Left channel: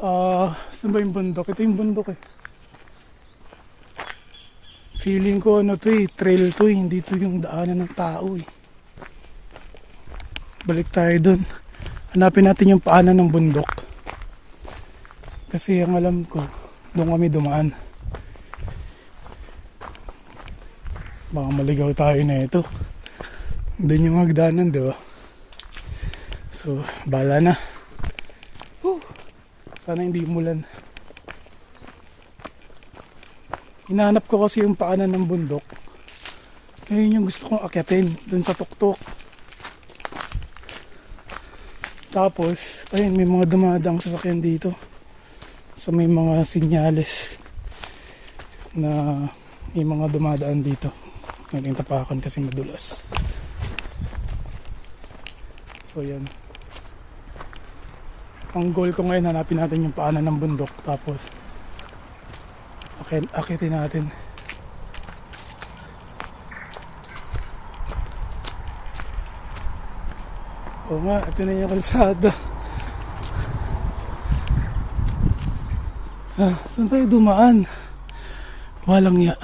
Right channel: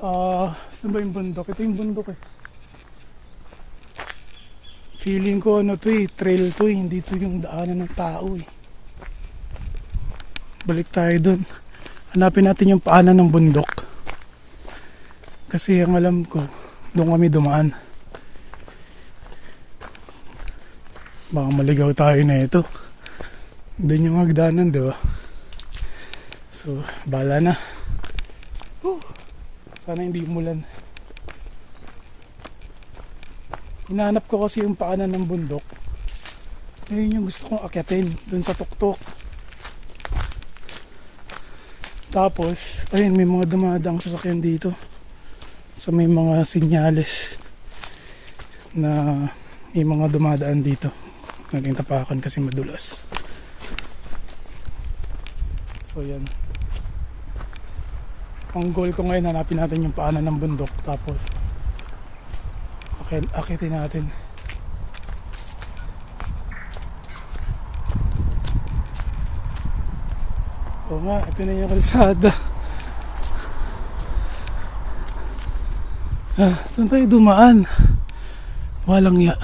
Saan ba yung bundok? Ito yung bundok eh. Feeling ko ano to eh, trail to eh. Hindi to yung daanan ng tao eh. Balik tayo dun. Hanapin natin yung paanan ng bundok. Kasi ang alam ko, doon kami dumaan. Baka maligaw tayo na ito. Doon yung magdaanan, di ba? So, bahala na. Sana hindi mulan. Hinahanap ko kasi yung paanan ng bundok. Ayun yung gusto kong akyatin dun sa tuktok. Tapos, ayun, may mga dumadang sasakyan dito. So may mga sinyales na may mga dumadaan dito. Naging tapakan kasi madulas. So yan. Ang goal ko ngayon, hanapin natin yung paanan ng bundok. Tapos, akitin natin. Oo nga, ito na yung kalsada. Saan tayo dumaan? Walang ya.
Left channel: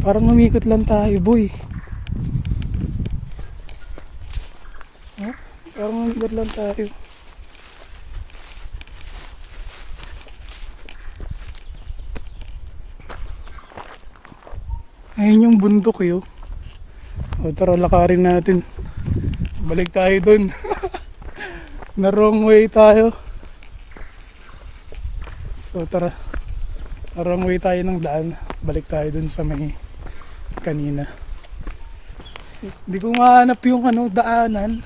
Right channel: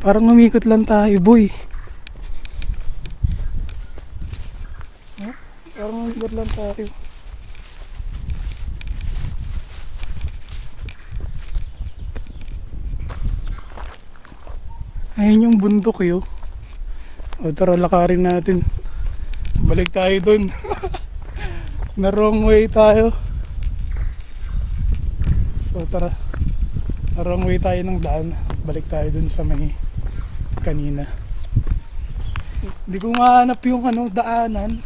Parang umikot lang tayo, boy. Parang umikot lang tayo. Ayun yung bundok eh, oh. O tara, lakarin natin. Balik tayo dun. Na wrong way tayo. So tara, wrong way tayo ng daan. Balik tayo dun sa may kanina. Hindi ko mahanap yung daanan.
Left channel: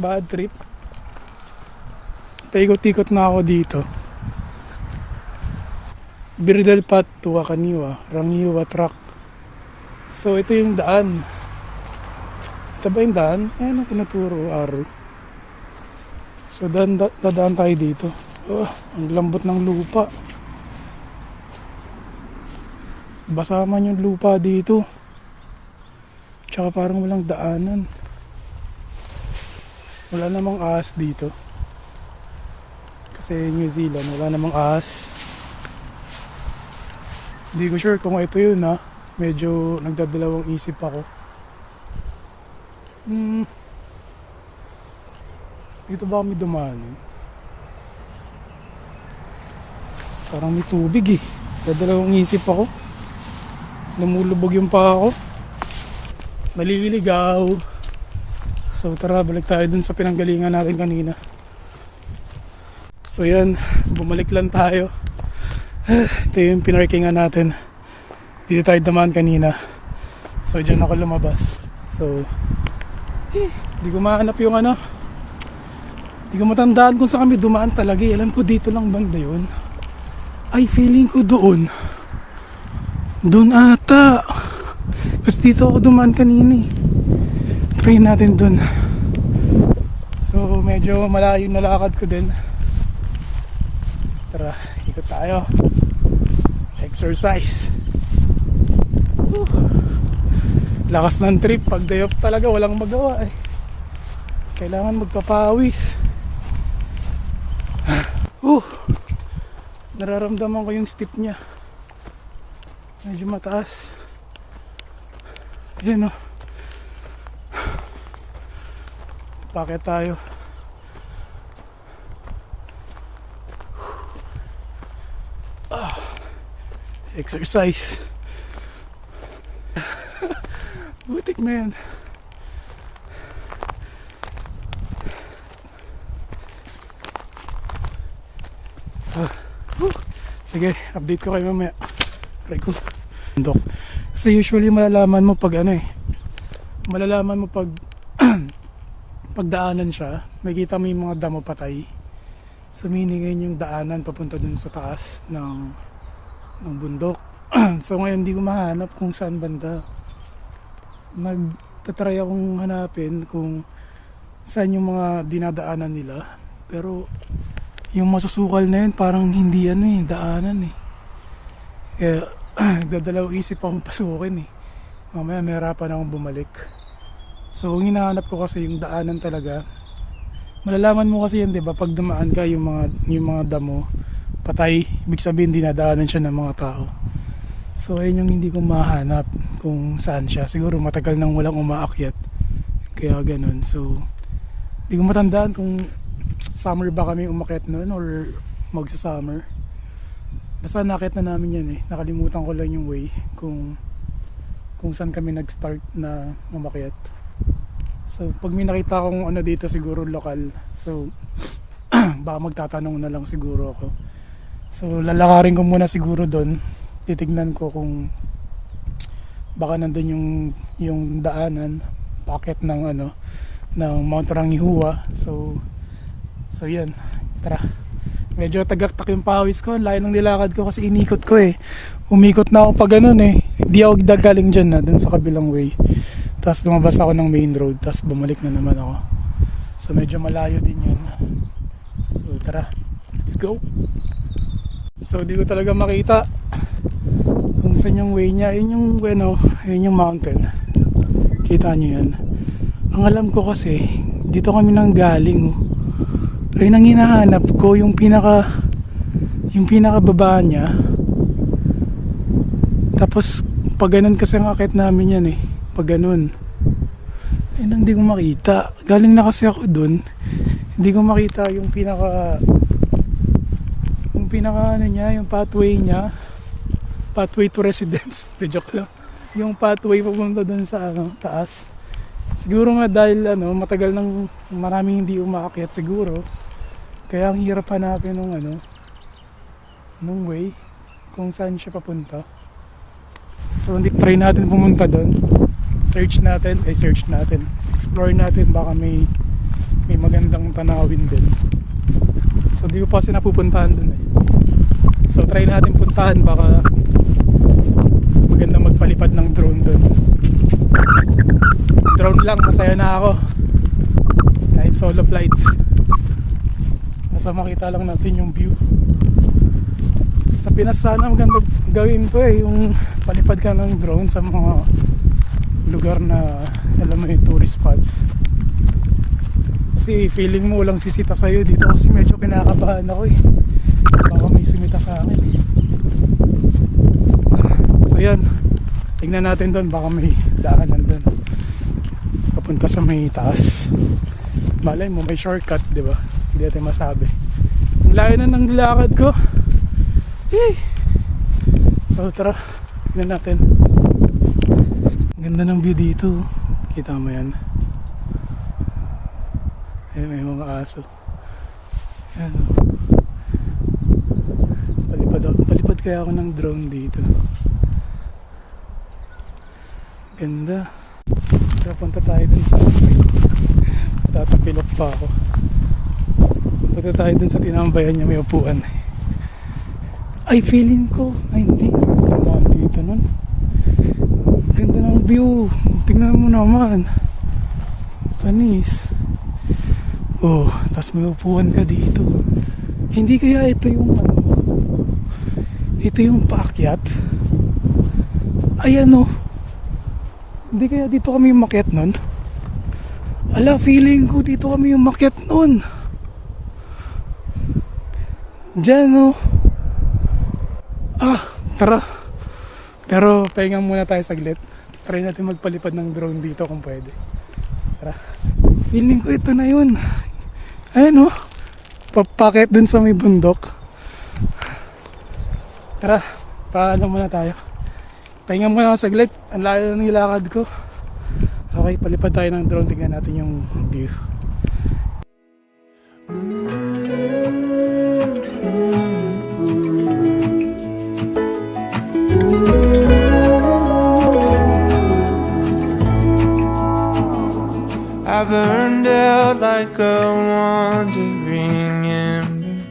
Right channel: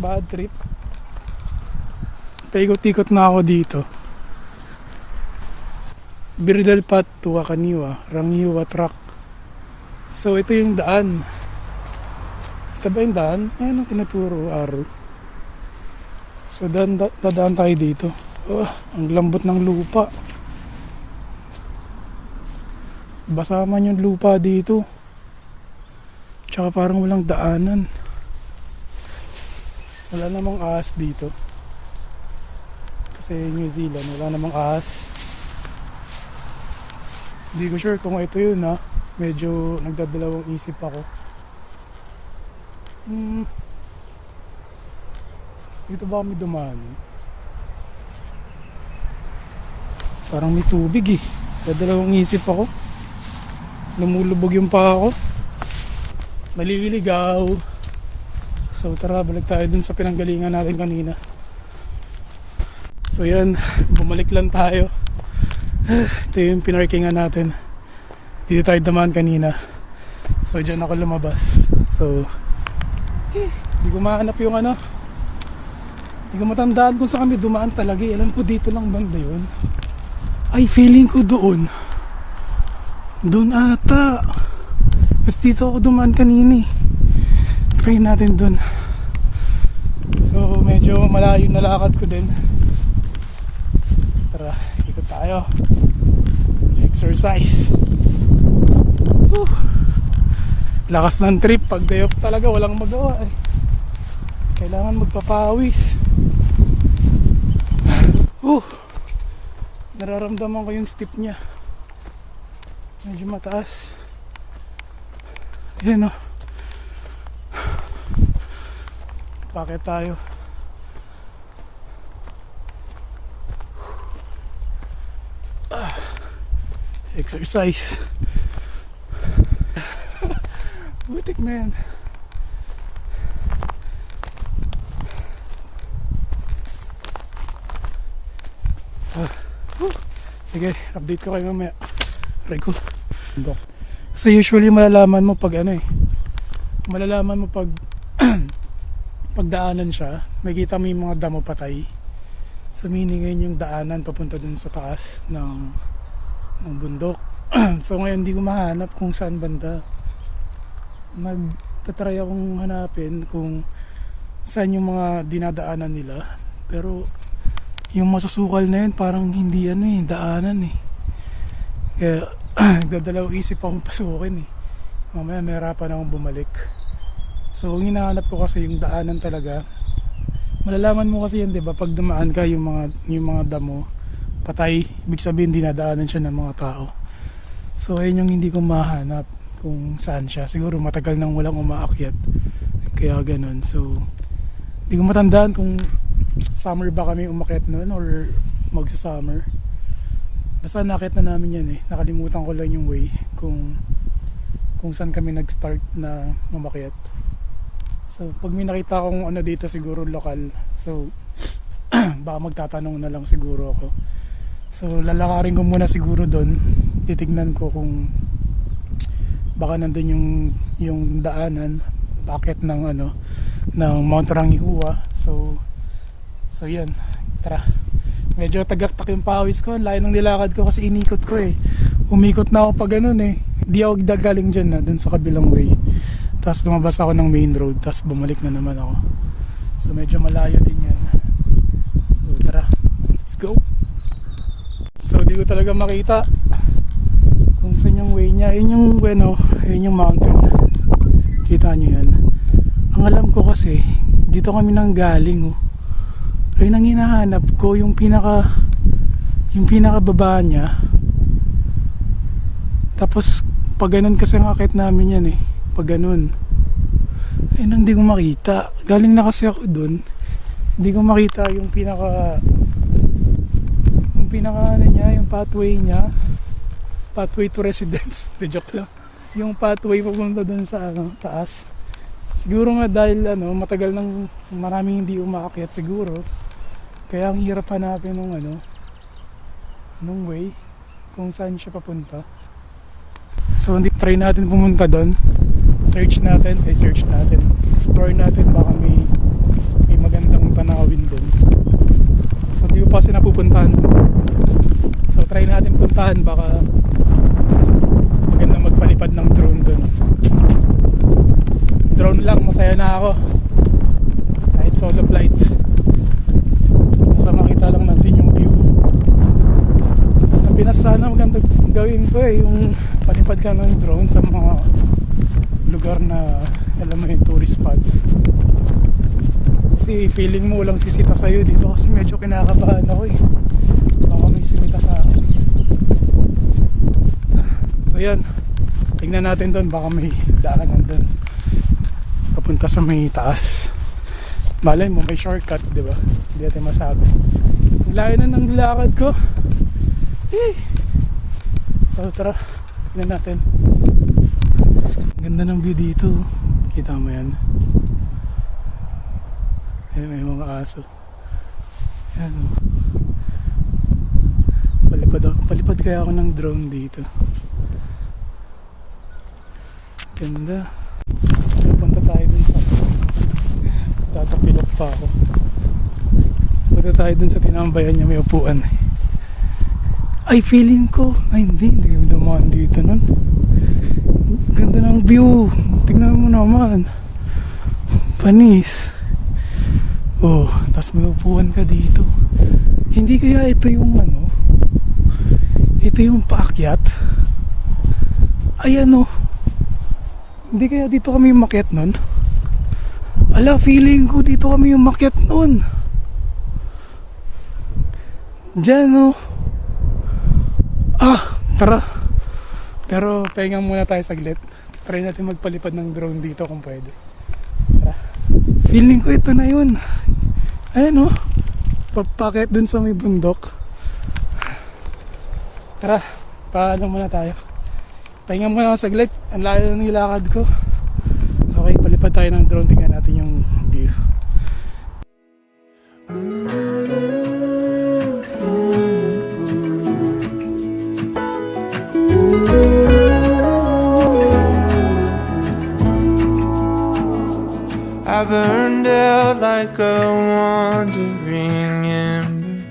Bad trip. Paikot-ikot na ako dito. Birdal Path to Wakaniwa, Rangiwa Track. So ito yung daan. Ito ba yung daan? Ayan ang tinaturo araw. So dadaan tayo dito. Ang lambot ng lupa. Basa man yung lupa dito. Tsaka parang walang daanan. Wala namang ahas dito. Kasi New Zealand, wala namang ahas. Hindi ko sure kung ito yun ha. Medyo nagdadalawang isip ako. Dito ba kami dumaan? Parang may tubig eh. Nagdadalawang isip ako. Lumulubog yung paa ko. Naliligaw. So tara, balik tayo dun sa pinanggalingan natin kanina. So yan, bumalik lang tayo. Ito yung pinarkingan natin. Dito tayo dumaan kanina. So dyan ako lumabas. So hindi ko mahanap yung hindi ko matandaan kung saan kami dumaan talaga. Alam ko dito lang banda yun. Ay, feeling ko doon. Doon ata. Kasi dito ako dumaan kanina eh. Try natin doon. So medyo malayo na lakad ko din. Tara, ikot tayo. Exercise. Lakas ng trip. Pag day off talaga walang magawa eh. Kailangan magpapawis. Nararamdaman ko yung stick niya. Medyo mataas. Ayan o. Bakit tayo? Exercise. Butik na yan. Sige, update ko kayo mamaya. Try ko. Kasi usually malalaman mo pag malalaman mo pag pagdaanan siya, makikita mo yung mga damo patay. So meaning ngayon yung daanan papunta dun sa taas ng bundok. So ngayon hindi ko mahanap kung saan banda. Nagtatry akong hanapin kung saan yung mga dinadaanan nila. Pero yung masusukal na yun parang hindi yan daanan eh. Kaya nagdadalawang isip akong pasukin eh. Mamaya may harapan akong bumalik. So ang hinahanap ko kasi yung daanan talaga. malalaman mo kasi yan, di ba? Pag dumaan ka yung mga damo, patay, ibig sabihin dinadaanan siya ng mga tao. So ayun yung hindi ko mahanap kung saan siya. Siguro matagal nang walang umaakyat. Kaya ganun. So hindi ko matandaan kung summer ba kami umakyat nun or magsa-summer. Basta nakit na namin yan eh. Nakalimutan ko lang yung way kung saan kami nag-start na umakyat. So pag may nakita akong ano dito siguro lokal. So baka magtatanong na lang siguro ako. So lalakarin ko muna siguro doon. Titignan ko kung baka nandun yung daanan bakit ng ng Mount Rangihuwa. So yun. Tara. Medyo tagaktak yung pawis ko. Layo ng nilakad ko kasi inikot ko eh. Umikot na ako pa ganun eh. Hindi ako galing dyan na dun sa kabilang way. Tapos lumabas ako ng main road. Tapos bumalik na naman ako. So medyo malayo din yun. So tara. Let's go. So di ko talaga makita kung saan yung way niya. Yun yung mountain. Kita niyo yan. Ang alam ko kasi dito kami nang galing. Ay nang hinahanap ko yung pinaka baba niya. Tapos pag ganun kasi ang akit namin yan eh. Pag ganun. Ay nang hindi ko makita. Galing na kasi ako dun. Hindi ko makita yung pinaka yung pathway niya. Pathway to residence. Joke lang. Yung pathway pupunta dun sa taas. Siguro nga dahil matagal nang maraming hindi umakyat siguro. Kaya ang hirap hanapin ng way kung saan siya papunta. So hindi try natin pumunta doon. Search natin. Explore natin baka may magandang tanawin din. So hindi ko kasi napupuntahan doon. So try natin puntahan baka maganda magpalipad ng drone doon. Drone lang, masaya na ako. Kahit solo flight. Sa makita lang natin yung view. Sa Pinas sana ang gawin ko eh, yung palipad ka ng drone sa mga lugar na magandang tourist spots. Kasi feeling mo walang sisita sa'yo dito kasi dito pinakataan ako eh. Baka may sumita sa akin. So yan, tingnan natin doon baka may lalakad doon papunta sa may taas. Malay mo may shortcut, di ba? Hindi natin masabi. Ang layo na ng lakad ko. So tara, tingnan natin. Ganda ng view dito. Kita mo yan. Ayan, may mga aso. Ayan. Palipad kaya ako ng drone dito. Ganda. Punta tayo dito. Tatapilok pa ako. Punta tayo dito sa tinambayan niya. May upuan. Ay, feeling ko. Ay, hindi. Naman dito nun. Ganda ng view. Tingnan mo naman. Panis. Oh, tapos may upuan ka dito. Hindi kaya ito yung ito yung paakyat. Ayan o. Hindi kaya dito kami umakyat nun. Ala, feeling ko dito kami umakyat nun. Diyan o. Tara. Pero pahingang muna tayo saglit. Try natin magpalipad ng drone dito kung pwede. Feeling ko ito na yun. Ayan o. Papakit dun sa may bundok. Tara, parang muna tayo. Pahingang muna ako saglit. Ang layo na nilakad ko. Okay, palipad tayo ng drone. Tingnan natin yung view. I burned out like a wandering ember.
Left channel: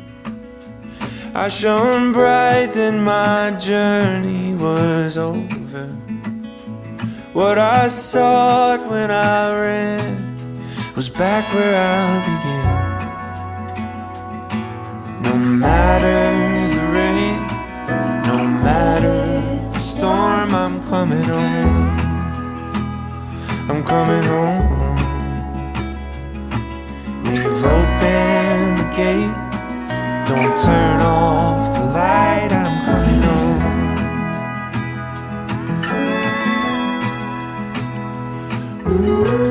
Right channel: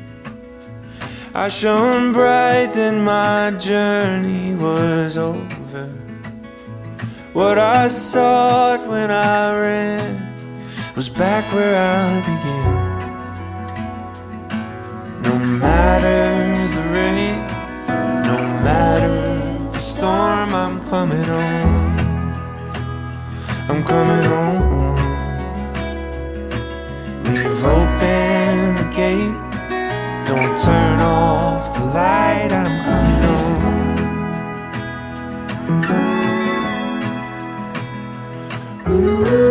I shone bright, then my journey was over. What I sought when I ran was back where I began. No matter the rain, no matter the storm, I'm coming home. I'm coming home. We've opened Ooh.